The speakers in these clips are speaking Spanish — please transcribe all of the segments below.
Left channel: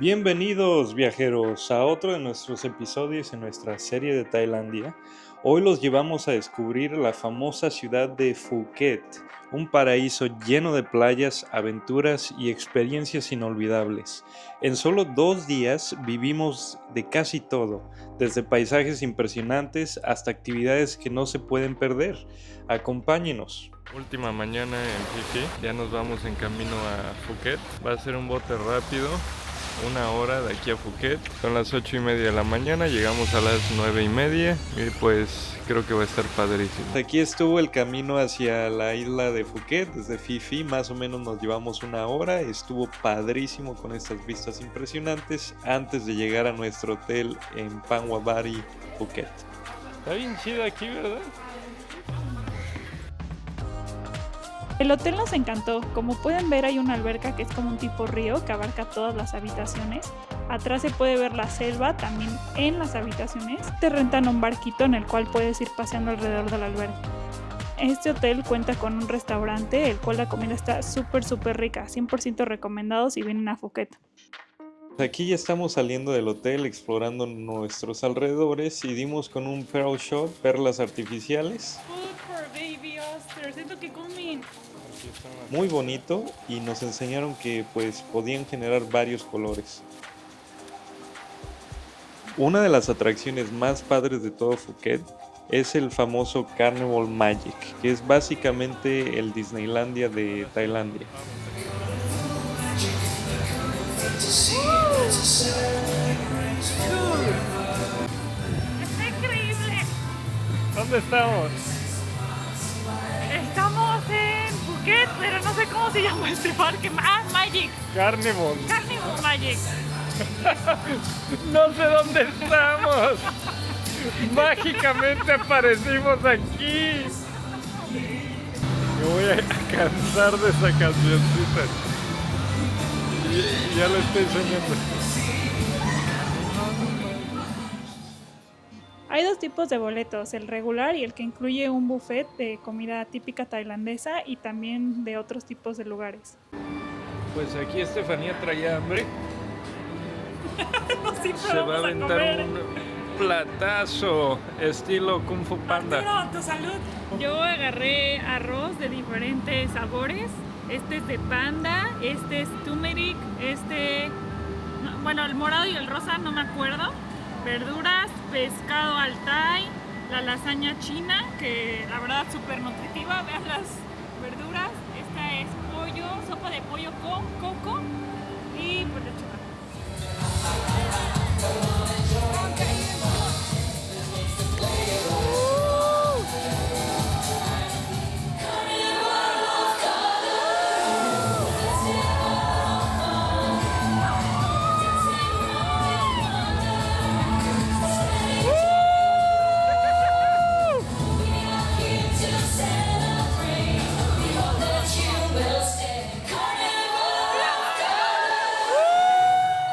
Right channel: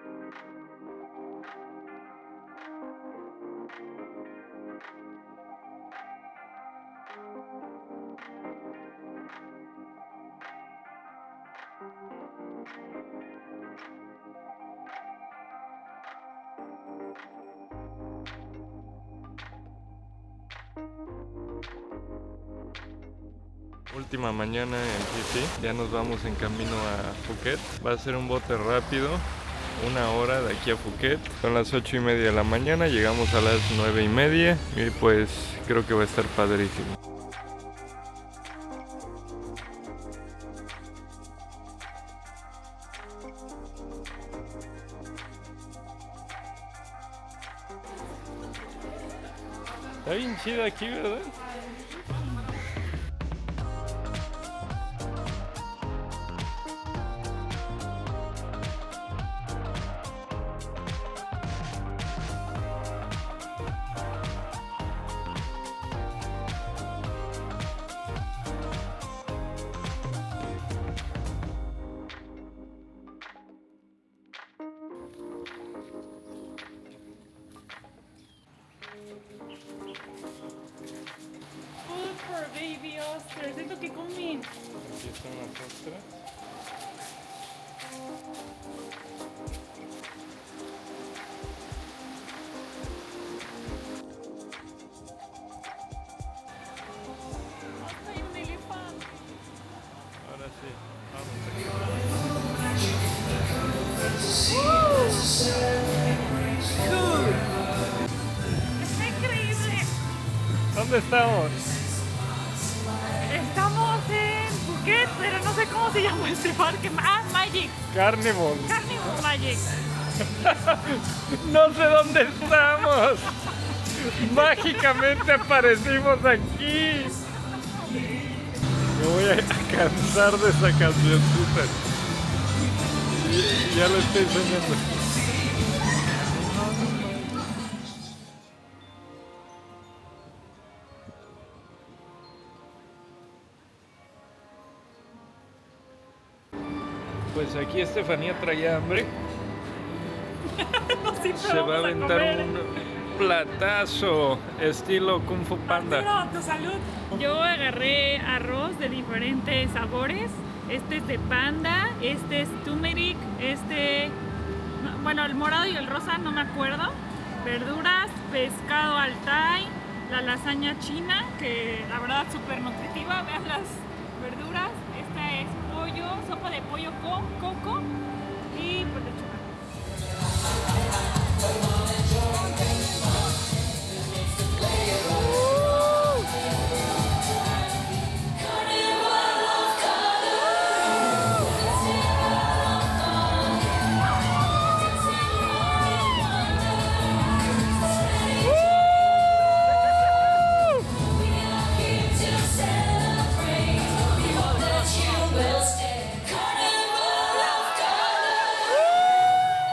Bienvenidos viajeros a otro de nuestros episodios en nuestra serie de Tailandia. Hoy los llevamos a descubrir la famosa ciudad de Phuket, un paraíso lleno de playas, aventuras y experiencias inolvidables. En solo 2 días vivimos de casi todo, desde paisajes impresionantes hasta actividades que no se pueden perder. Acompáñenos. Última mañana en Phi Phi, ya nos vamos en camino a Phuket. Va a ser un bote rápido. 1 hora de aquí a Phuket. Son las 8:30 de la mañana, llegamos a las 9:30 y pues creo que va a estar padrísimo. Aquí estuvo el camino hacia la isla de Phuket desde Phi Phi, más o menos nos llevamos 1 hora. Estuvo padrísimo con estas vistas impresionantes antes de llegar a nuestro hotel en Panguabari, Phuket. Está bien chido aquí, ¿verdad? El hotel nos encantó. Como pueden ver, hay una alberca que es como un tipo río que abarca todas las habitaciones. Atrás se puede ver la selva también en las habitaciones. Te rentan un barquito en el cual puedes ir paseando alrededor de la alberca. Este hotel cuenta con un restaurante, el cual la comida está súper rica. 100% recomendado si vienen a Phuket. Aquí ya estamos saliendo del hotel, explorando nuestros alrededores y dimos con un pearl shop, perlas artificiales. Muy bonito, y nos enseñaron que pues podían generar varios colores. Una de las atracciones más padres de todo Phuket es el famoso Carnival Magic, que es básicamente el Disneylandia de Tailandia. ¡Está increíble! ¿Dónde estamos? Estamos en Phuket, pero no sé cómo se llama este parque. Magic. Carnival. Carnival Magic. No sé dónde estamos. Mágicamente aparecimos aquí. Me voy a cansar de esa cancioncita. Y ya lo estoy soñando. Hay dos tipos de boletos, el regular y el que incluye un buffet de comida típica tailandesa y también de otros tipos de lugares. Pues aquí Estefanía traía hambre. Se va a aventar un platazo estilo Kung Fu Panda. ¡Tu salud! Yo agarré arroz de diferentes sabores. Este es de panda, este es turmeric, bueno, el morado y el rosa no me acuerdo. Verduras, pescado al thai, la lasaña china, que la verdad es súper nutritiva. Vean las verduras. Esta es pollo, sopa de pollo con coco y pues lechuga.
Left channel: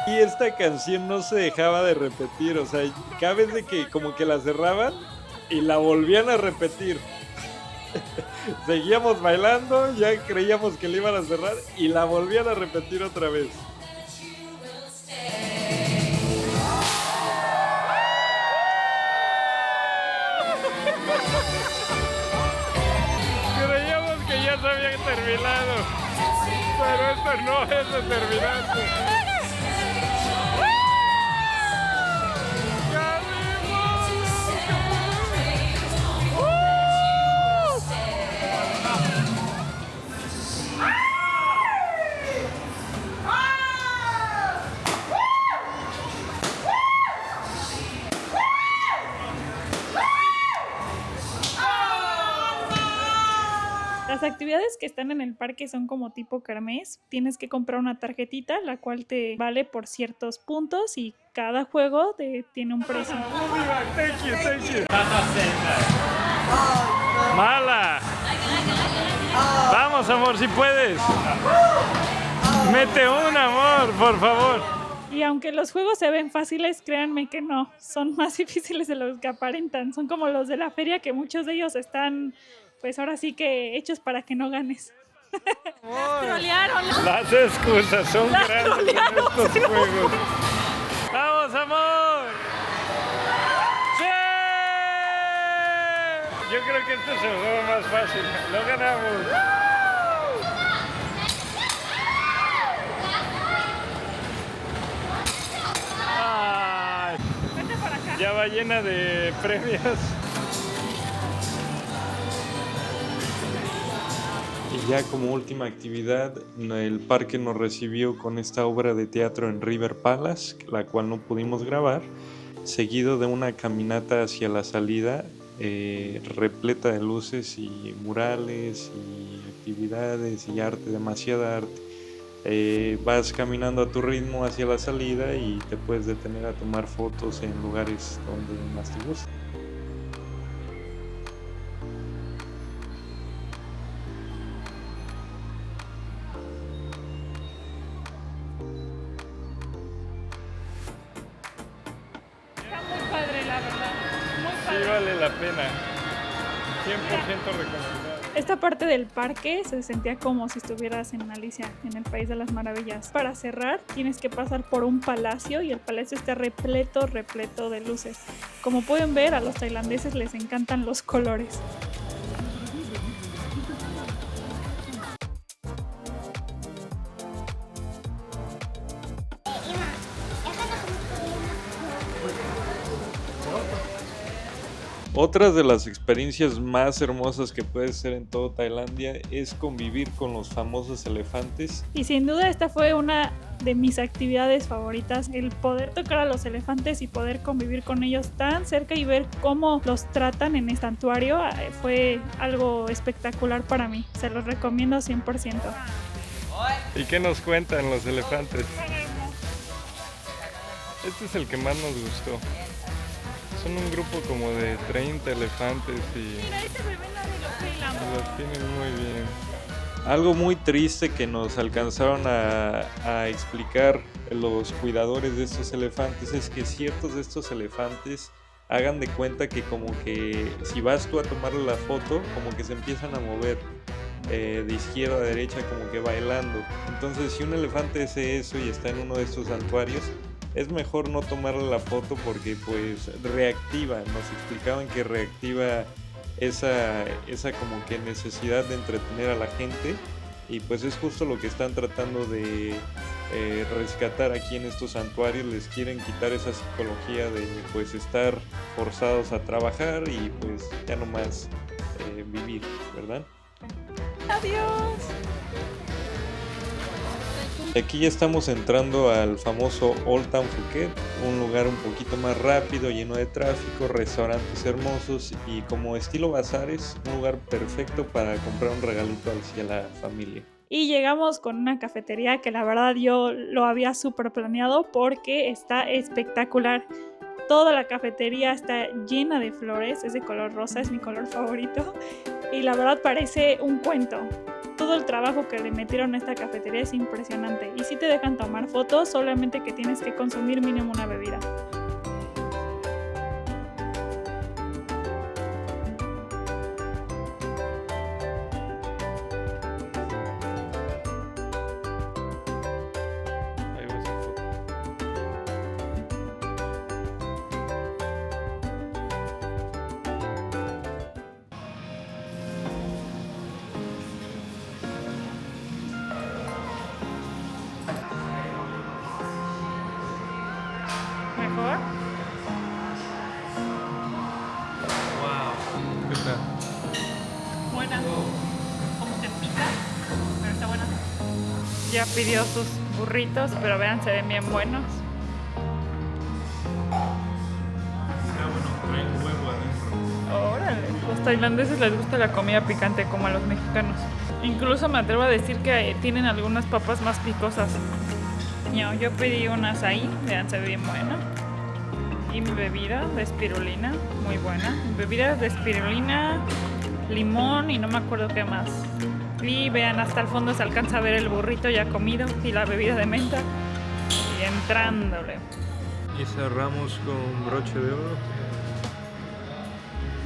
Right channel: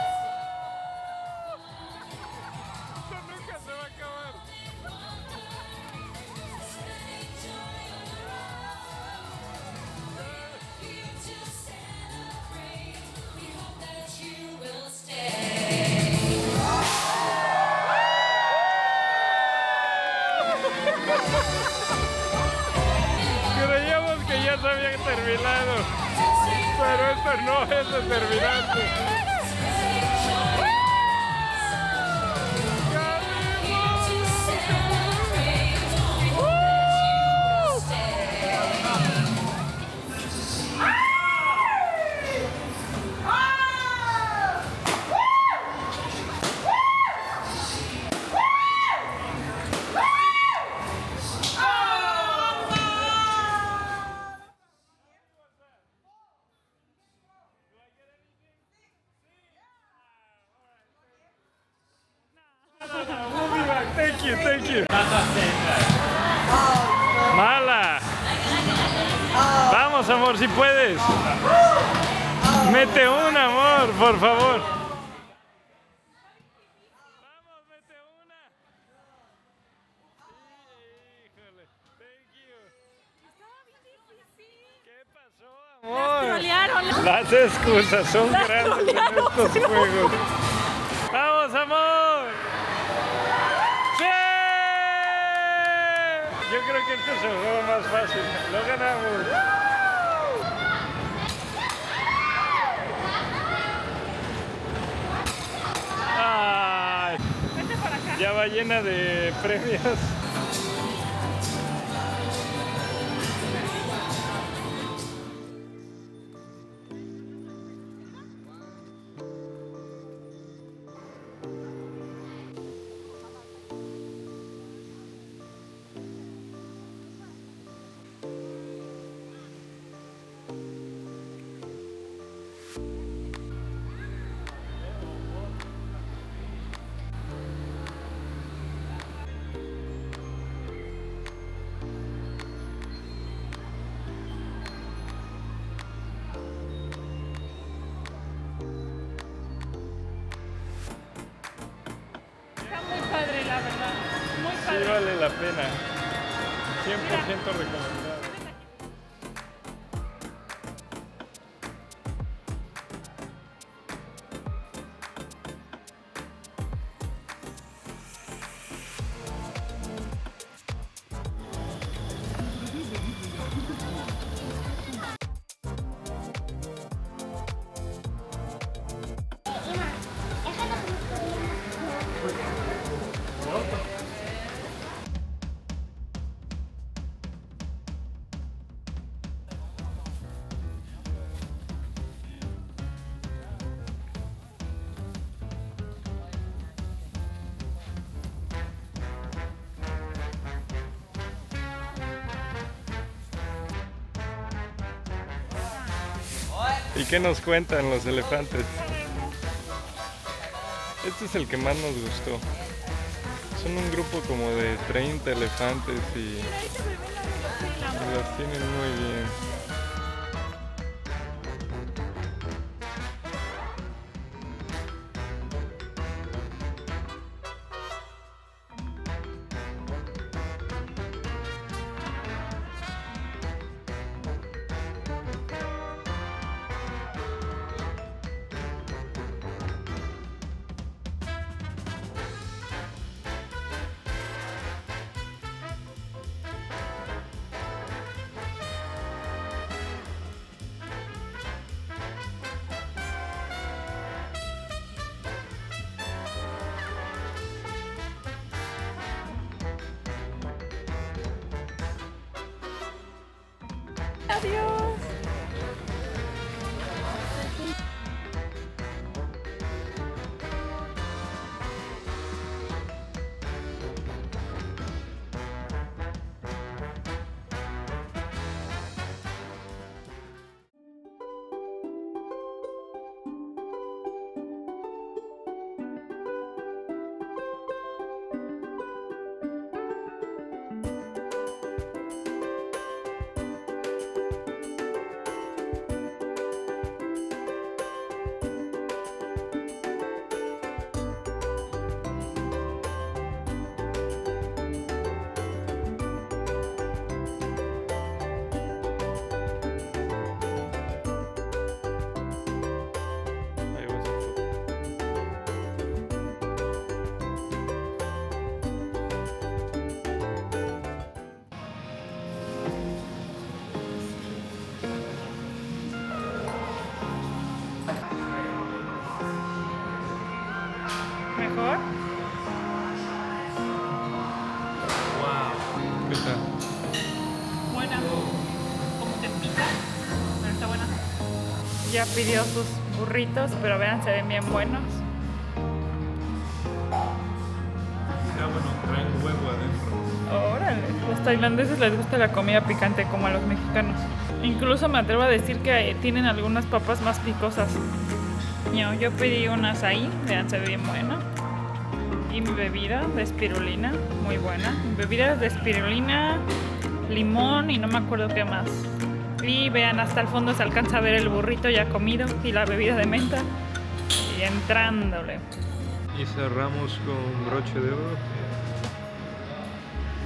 Y esta canción no se dejaba de repetir, o sea, cada vez de que como que la cerraban y la volvían a repetir. Seguíamos bailando, ya creíamos que la iban a cerrar y la volvían a repetir otra vez. Creíamos que ya se había terminado, pero esto no es determinante. Las actividades que están en el parque son como tipo kermés. Tienes que comprar una tarjetita, la cual te vale por ciertos puntos y cada juego tiene un precio. Thank you. Mala. Vamos, amor, si puedes. Mete un, amor, por favor. Y aunque los juegos se ven fáciles, créanme que no, son más difíciles de los que aparentan. Son como los de la feria, que muchos de ellos están, pues ahora sí que hechos para que no ganes. Las trolearon. Las excusas son grandes en estos juegos. ¡Vamos, amor! ¡Sí! Yo creo que este es el juego más fácil. ¡Lo ganamos! ¡Ay! Vente para acá. Ya va llena de premios. Y ya como última actividad, el parque nos recibió con esta obra de teatro en River Palace, la cual no pudimos grabar, seguido de una caminata hacia la salida repleta de luces y murales y actividades y arte, demasiada arte. Vas caminando a tu ritmo hacia la salida y te puedes detener a tomar fotos en lugares donde más te gusta. Está muy padre, la verdad. Muy Sí padre. vale la pena, 100% recomendado. Esta parte del parque se sentía como si estuvieras en Alicia, en el País de las Maravillas. Para cerrar, tienes que pasar por un palacio y el palacio está repleto de luces. Como pueden ver, a los tailandeses les encantan los colores. Otra de las experiencias más hermosas que puedes hacer en todo Tailandia es convivir con los famosos elefantes. Y sin duda esta fue una de mis actividades favoritas, el poder tocar a los elefantes y poder convivir con ellos tan cerca y ver cómo los tratan en el santuario fue algo espectacular para mí. Se los recomiendo 100%. ¿Y qué nos cuentan los elefantes? Este es el que más nos gustó. Son un grupo como de 30 elefantes y Mira, ahí se me ve la de los los tienen muy bien. Algo muy triste que nos alcanzaron a explicar los cuidadores de estos elefantes es que ciertos de estos elefantes hagan de cuenta que como que si vas tú a tomarle la foto, como que se empiezan a mover de izquierda a derecha como que bailando. Entonces si un elefante hace eso y está en uno de estos santuarios, es mejor no tomarle la foto porque pues reactiva, nos explicaban que reactiva esa como que necesidad de entretener a la gente y pues es justo lo que están tratando de rescatar aquí en estos santuarios. Les quieren quitar esa psicología de pues estar forzados a trabajar y pues ya no más vivir, ¿verdad? Adiós. Aquí ya estamos entrando al famoso Old Town Phuket, un lugar un poquito más rápido, lleno de tráfico, restaurantes hermosos y como estilo bazares, un lugar perfecto para comprar un regalito hacia la familia. Y llegamos con una cafetería que la verdad yo lo había súper planeado porque está espectacular. Toda la cafetería está llena de flores, es de color rosa, es mi color favorito. Y la verdad parece un cuento. Todo el trabajo que le metieron a esta cafetería es impresionante. Y si te dejan tomar fotos, solamente que tienes que consumir mínimo una bebida. Ahí va a ser foto. ¿Mejor? ¿Qué tal? Buena. Como te pica, pero está buena. Ya pidió sus burritos, pero vean, se ven bien buenos. Está bueno, traen huevo adentro. Órale, los tailandeses les gusta la comida picante como a los mexicanos. Incluso me atrevo a decir que tienen algunas papas más picosas. Yo pedí unas ahí, vean, se ve bien buena. Y mi bebida de espirulina, muy buena. Mi bebida de espirulina, limón y no me acuerdo qué más. Y vean, hasta el fondo se alcanza a ver el burrito ya comido y la bebida de menta. Y entrándole. Y cerramos con broche de oro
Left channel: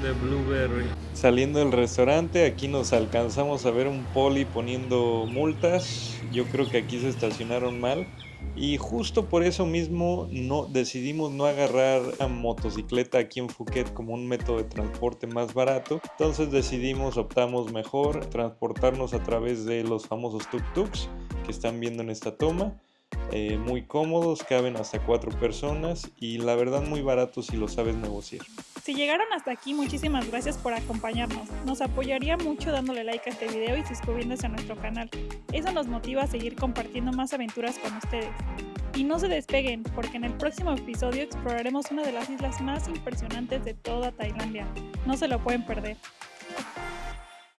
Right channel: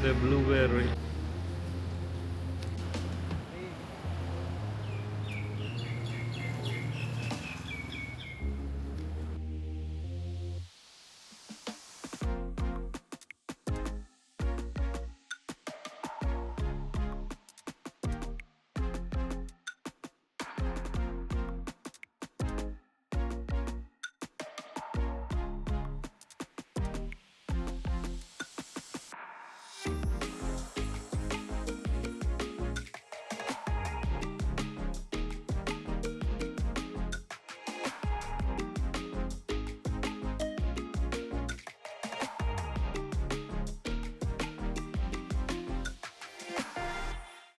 de blueberry. Saliendo del restaurante, aquí nos alcanzamos a ver un poli poniendo multas. Yo creo que aquí se estacionaron mal. Y justo por eso mismo decidimos no agarrar a motocicleta aquí en Phuket como un método de transporte más barato. Entonces optamos mejor transportarnos a través de los famosos tuk-tuks que están viendo en esta toma. Muy cómodos, caben hasta 4 personas y la verdad muy baratos si lo sabes negociar. Si llegaron hasta aquí, muchísimas gracias por acompañarnos. Nos apoyaría mucho dándole like a este video y suscribiéndose a nuestro canal. Eso nos motiva a seguir compartiendo más aventuras con ustedes. Y no se despeguen, porque en el próximo episodio exploraremos una de las islas más impresionantes de toda Tailandia. No se lo pueden perder.